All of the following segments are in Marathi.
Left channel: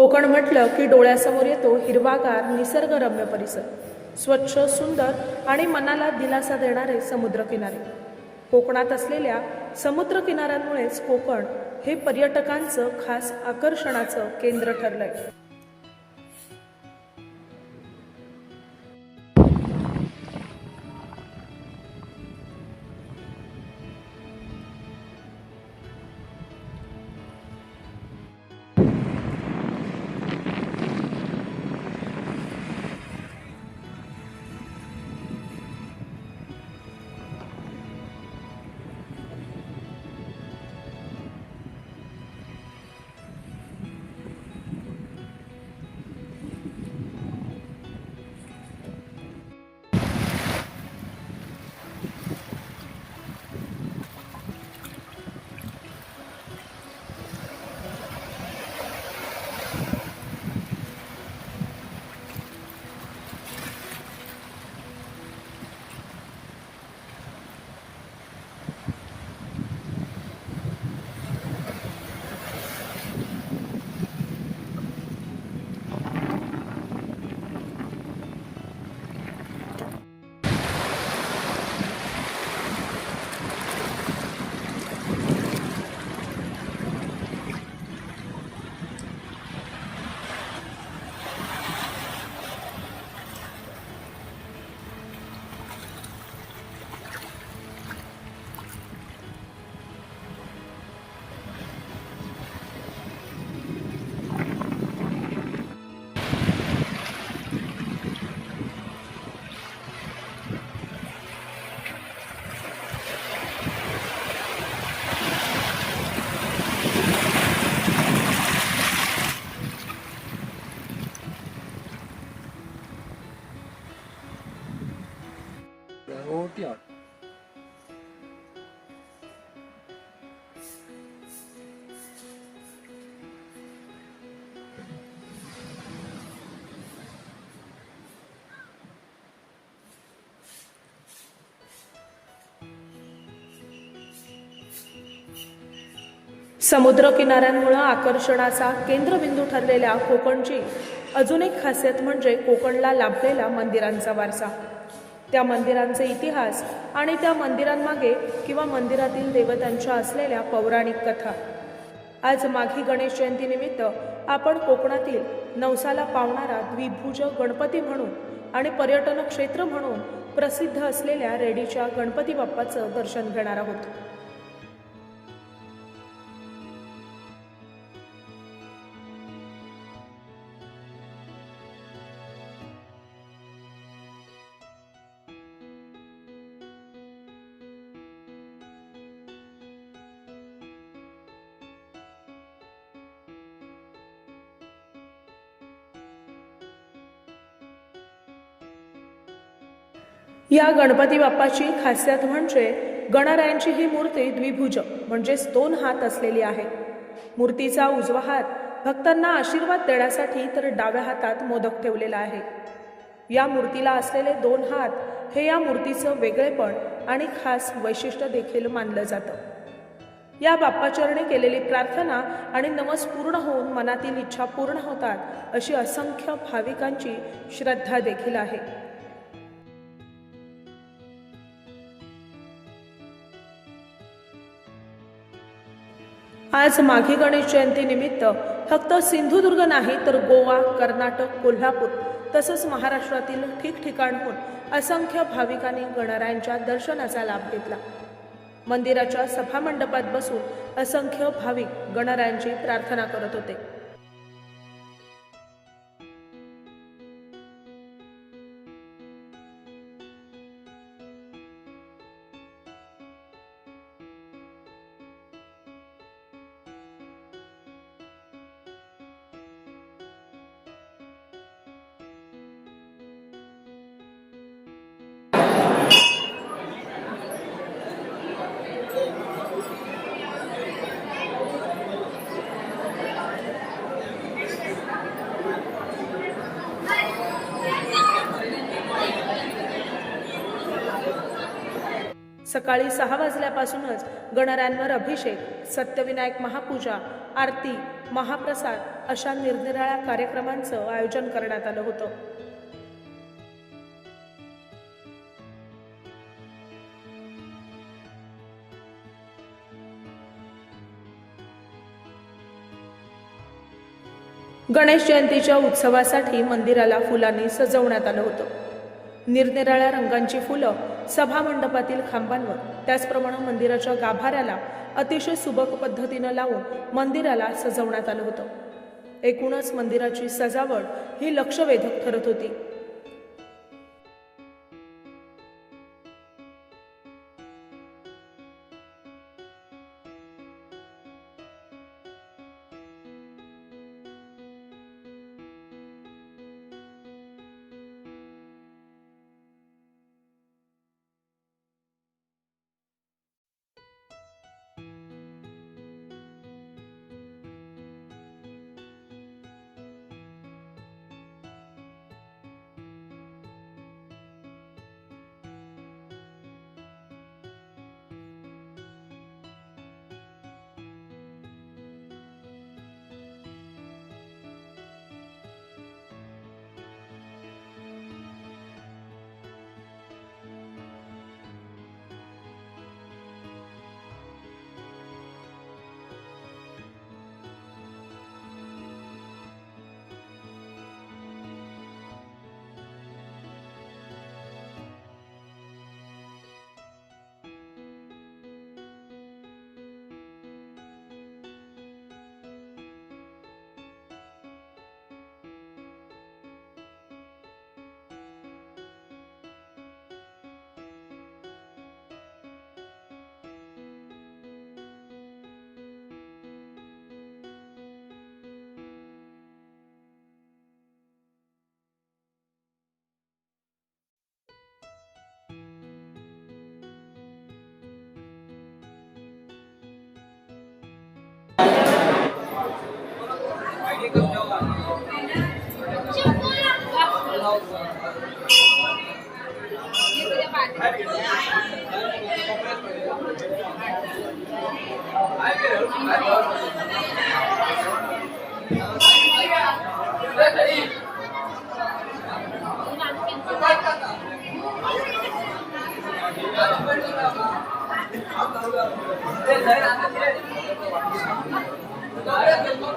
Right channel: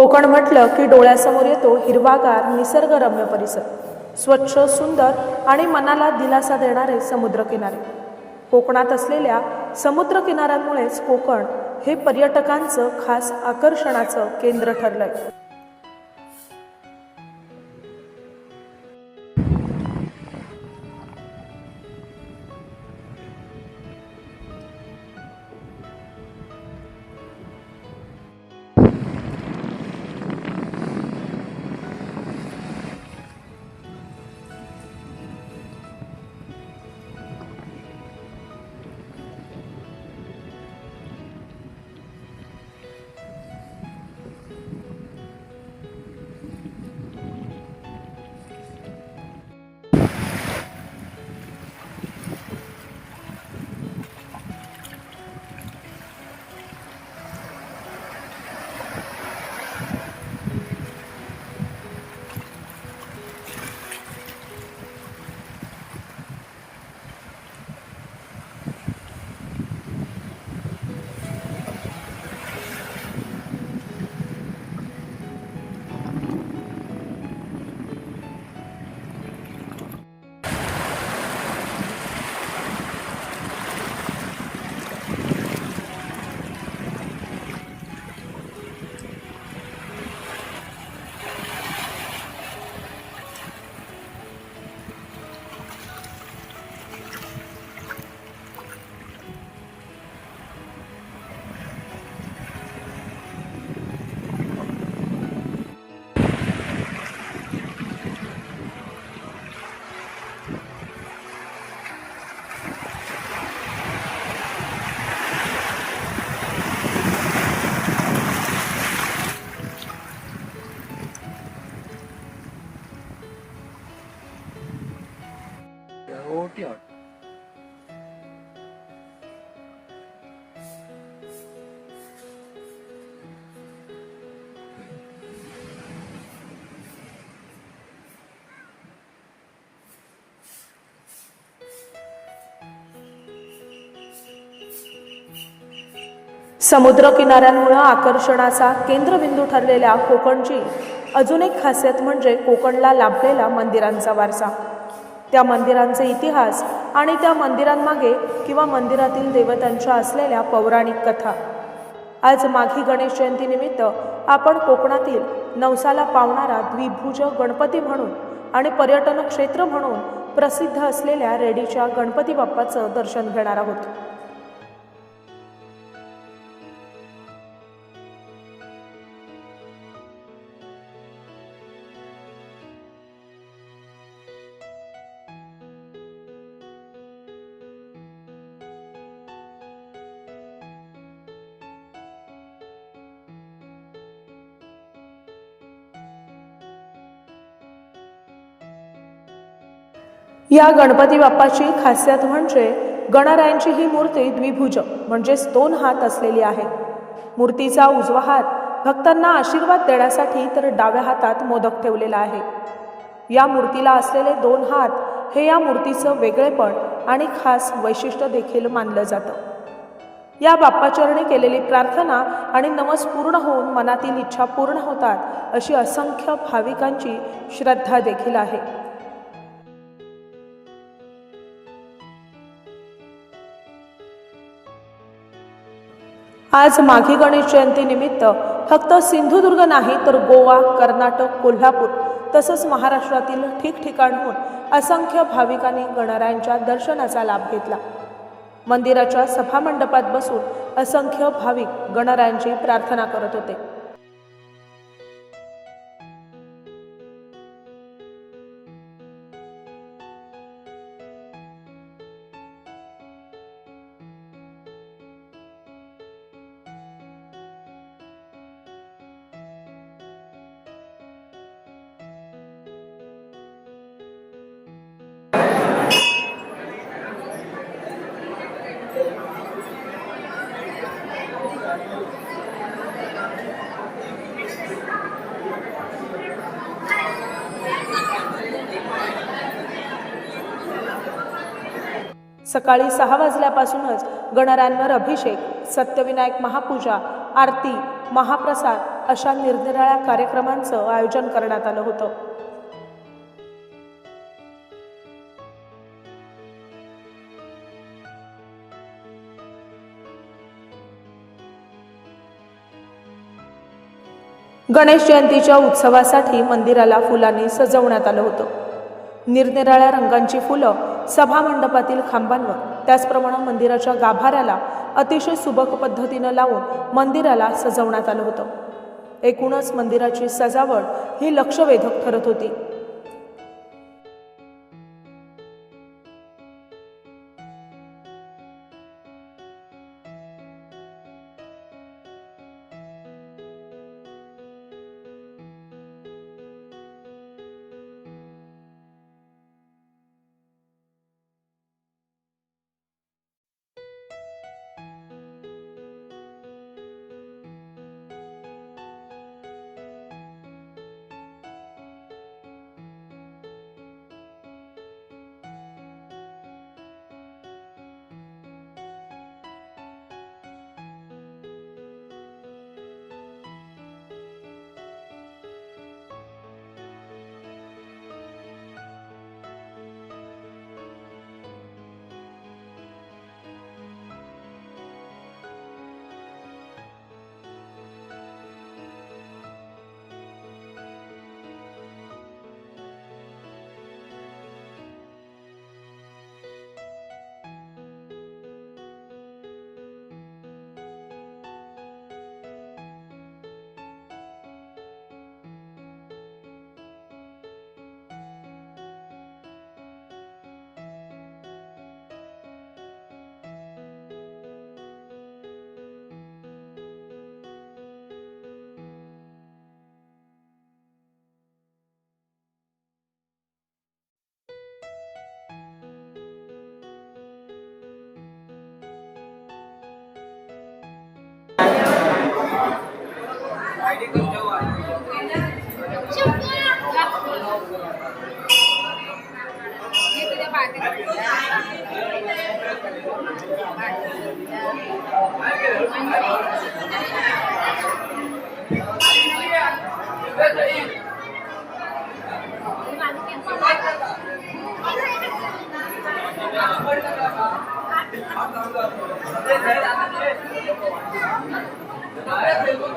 कोकण म्हटलं की डोळ्यासमोर येतो हिरवागार निसर्गरम्य परिसर. स्वच्छ सुंदर आणि मनाला दिलासा देणारे समुद्रकिनारे. कोकणात असलेल्या समुद्रकिनाऱ्यांमुळेच कोकण हे पर्यटकांचं खास आकर्षणाचं केंद्र ठरलं आहे समुद्र किनाऱ्यांमुळं आकर्षणाचा केंद्रबिंदू ठरलेल्या कोकणची अजून एक खासियत म्हणजे कोकणला लाभलेला मंदिरांचा वारसा. त्या मंदिरांचे इतिहास आणि त्या मंदिरांमागे किंवा मंदिरातील देवतांच्या असलेल्या पौराणिक कथा. आज माघी गणेश जयंतीनिमित्त आपण कोकणातील नवसाला पावणारा द्विभुज गणपती म्हणून आणि पर्यटन क्षेत्र म्हणून प्रसिद्ध असलेल्या रेडीच्या गणपती बाप्पाचं दर्शन घेणार आहोत. या गणपती बाप्पाची खासियत म्हणजे गणरायांची ही मूर्ती द्विभुज म्हणजेच दोन हात असलेली आहे. मूर्तीचा उजवा हात भक्तांना आशीर्वाद देण्यासाठी तर डाव्या हातात मोदक ठेवलेला आहे. या मूर्तीला असलेले दोन हात हे या मूर्तीचं वेगळेपण आणि खास वैशिष्ट्य देखील मानलं जातं. या बाप्पाचरणी केलेली प्रार्थना आणि नवस पूर्ण होऊन मनातील इच्छा पूर्ण होतात अशी असंख्य भाविकांची श्रद्धा देखील आहे. आज माघी गणेश जयंतीनिमित्त फक्त सिंधुदुर्ग नाही तर गोवा कर्नाटक कोल्हापूर तसंच महाराष्ट्रातील ठिकठिकाणहून असंख्य भाविकांनी गणरायांच्या दर्शनाचा लाभ घेतला. मंदिराच्या सभामंडपात बसून असंख्य भाविक गणरायांची प्रार्थना करत होते. सकाळी सहा वाजल्यापासूनच गणरांवर अभिषेक सत्यविनायक महापूजा आरती महाप्रसाद अशा निरनिराळ्या कार्यक्रमांचं आयोजन करण्यात आलं होतं. गणेश जयंतीच्या उत्सवासाठी मंदिराला फुलांनी सजवण्यात आलं होतं. निरनिराळ्या रंगांची फुलं सभामंडपातील खांबांवर. त्याचप्रमाणे मंदिराच्या गाभाऱ्याला अतिशय सुबक पद्धतीनं लावून मंदिराला सजवण्यात आलं होतं. एकूणच मंदिराची सजावट ही लक्षवेधक ठरत होती.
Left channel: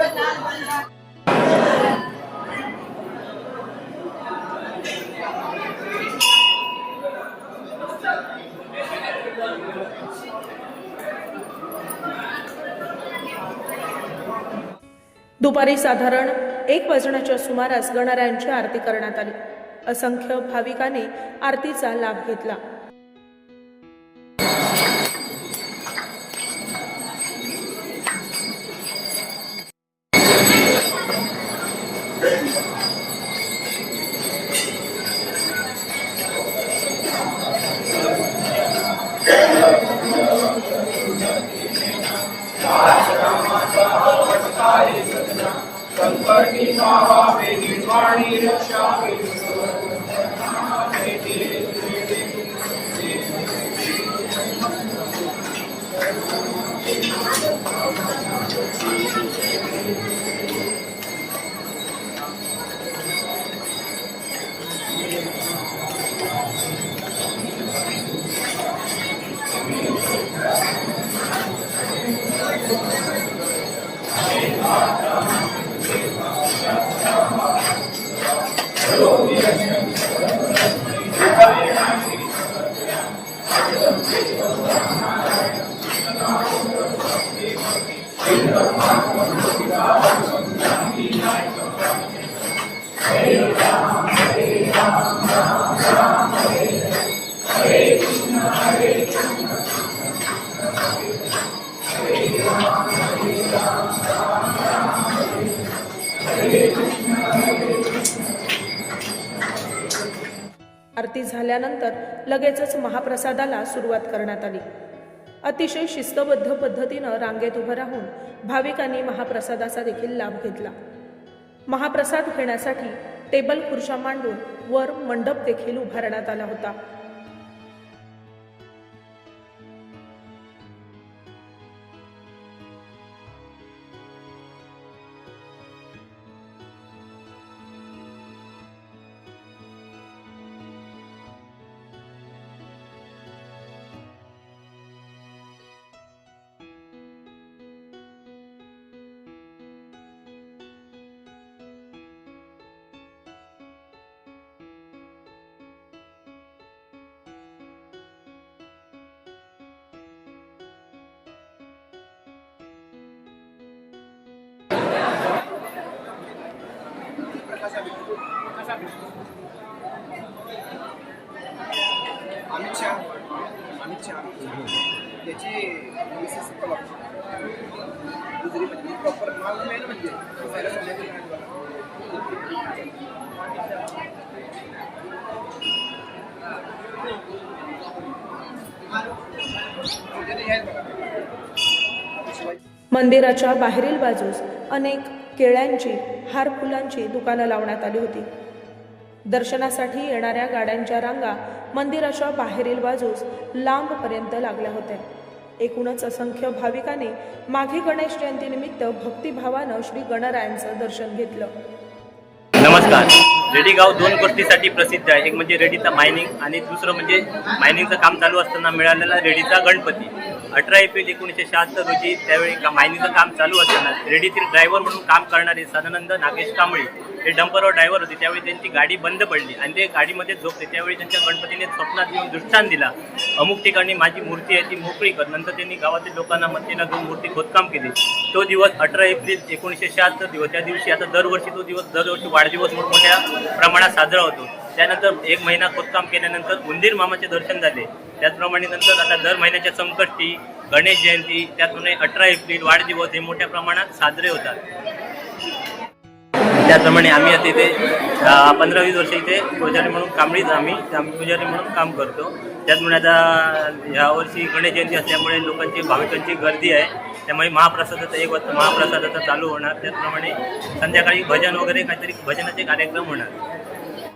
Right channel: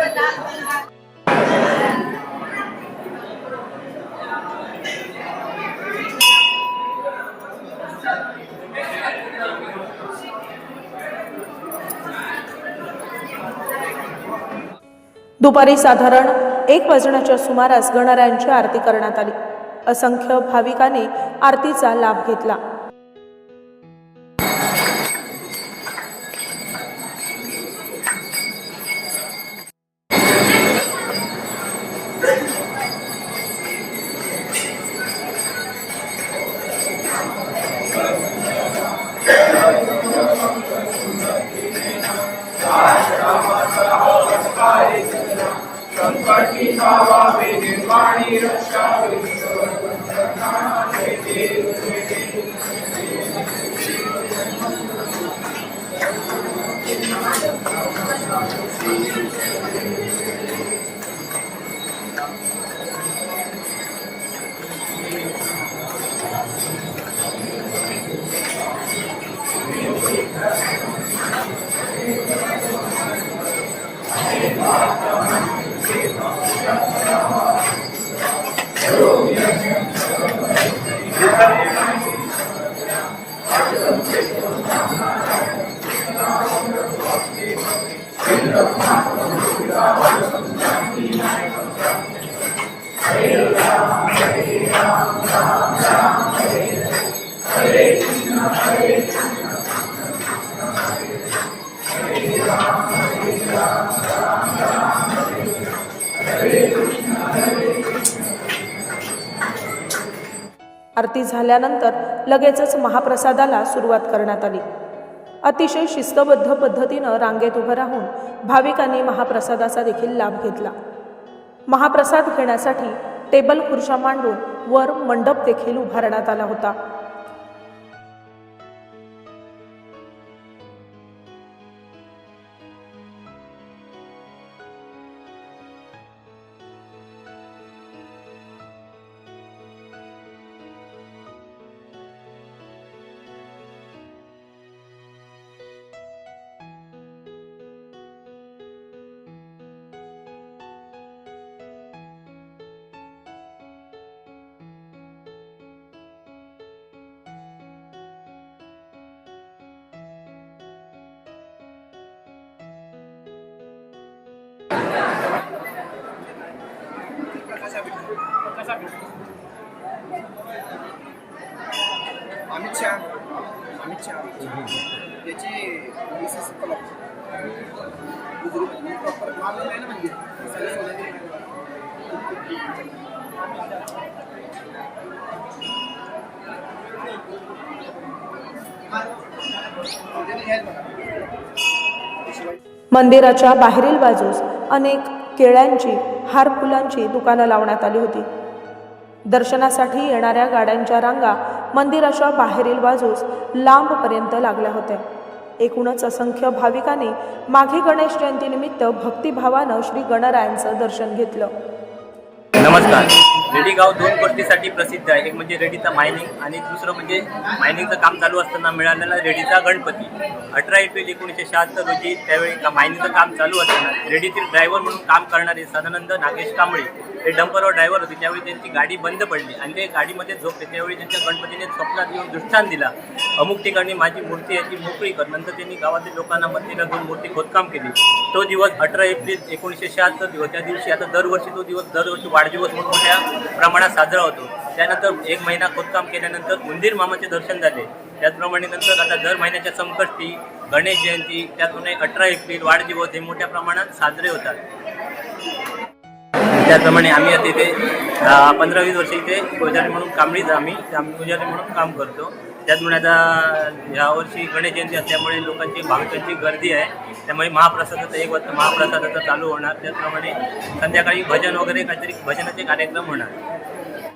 Gracias. दुपारी साधारण एक वाजण्याच्या सुमारास गणरायांची आरती करण्यात आली. असंख्य भाविकांनी आरतीचा लाभ घेतला. संकटी भावावे निर्वाणी रक्षावे आरती झाल्यानंतर लगेचच महाप्रसादाला सुरुवात करण्यात आली. अतिशय शिस्तबद्ध पद्धतीनं रांगेत उभं राहून भाविकांनी महाप्रसादाचा देखील लाभ घेतला. महाप्रसाद घेण्यासाठी टेबल खुर्च्या मांडून वर मंडप देखील उभारण्यात आला होता. अमित शहा. अमित शहा. त्याची मिसेस म्हणजे प्रॉपर नाही. म्हणजे. मंदिराच्या बाहेरील बाजूस अनेक केळ्यांची हार फुलांची दुकानं लावण्यात आली होती. दर्शनासाठी येणाऱ्या गाड्यांच्या रांगा मंदिराच्या बाहेरील बाजूस लांबपर्यंत लागल्या होत्या. एकूणच असंख्य भाविकांनी माघी गणेश जयंतीनिमित्त भक्तिभावानं श्री गणरायांचं दर्शन घेतलं. नमस्कार. रेडी गाव दोन गोष्टीसाठी प्रसिद्ध आहे. एक म्हणजे रेडीचा मायनिंग आणि दुसरं म्हणजे मायनिंगचं काम चालू असताना मिळालेला रेडीचा गणपती. अठरा एप्रिल एकोणीसशे शहात्तर रोजी त्यावेळी का मायनिंगचं काम चालू असताना रेडीतील ड्रायव्हर म्हणून काम करणारे सदानंद नागेश कांबळे हे डंपरवर ड्रायव्हर होते. त्यावेळी त्यांची गाडी बंद पडली आणि ते गाडीमध्ये झोपले. त्यावेळी त्यांच्या गणपतीने स्वप्नात येऊन दृष्टांत दिला. अमुक ठिकाणी माझी मूर्ती आहे ती मोकळी कर. नंतर त्यांनी गावातील लोकांना मदतीला घेऊन मूर्ती खोदकाम केली. तो दिवस अठरा एप्रिल एकोणीसशे शहात्तर दिवस. त्या दिवशी आता दरवर्षी तो दिवस दरवर्षी वाढदिवस मोठमोठ्या प्रमाणात साजरा होतो. त्यानंतर एक महिना खोदकाम केल्यानंतर उंदीर मामाचे दर्शन झाले. त्याचप्रमाणे नंतर आता दर महिन्याच्या संकष्टी गणेश जयंती त्याचप्रमाणे अठरा एप्रिल वाढदिवस हे मोठ्या प्रमाणात साजरे होतात. त्याचप्रमाणे आम्ही आता इथे पंधरा वीस वर्ष इथे पुजारी म्हणून कांबळीच आम्ही आम्ही पुजारी म्हणून काम करतो. त्याचमुळे आता यावर्षी गणेश जयंती असल्यामुळे लोकांची भाविकांची गर्दी आहे. त्यामुळे महाप्रसादाचं एक वाजता महाप्रसादाचं चालू होणार. त्याचप्रमाणे संध्याकाळी भजन वगैरे काहीतरी भजनाचे कार्यक्रम होणार.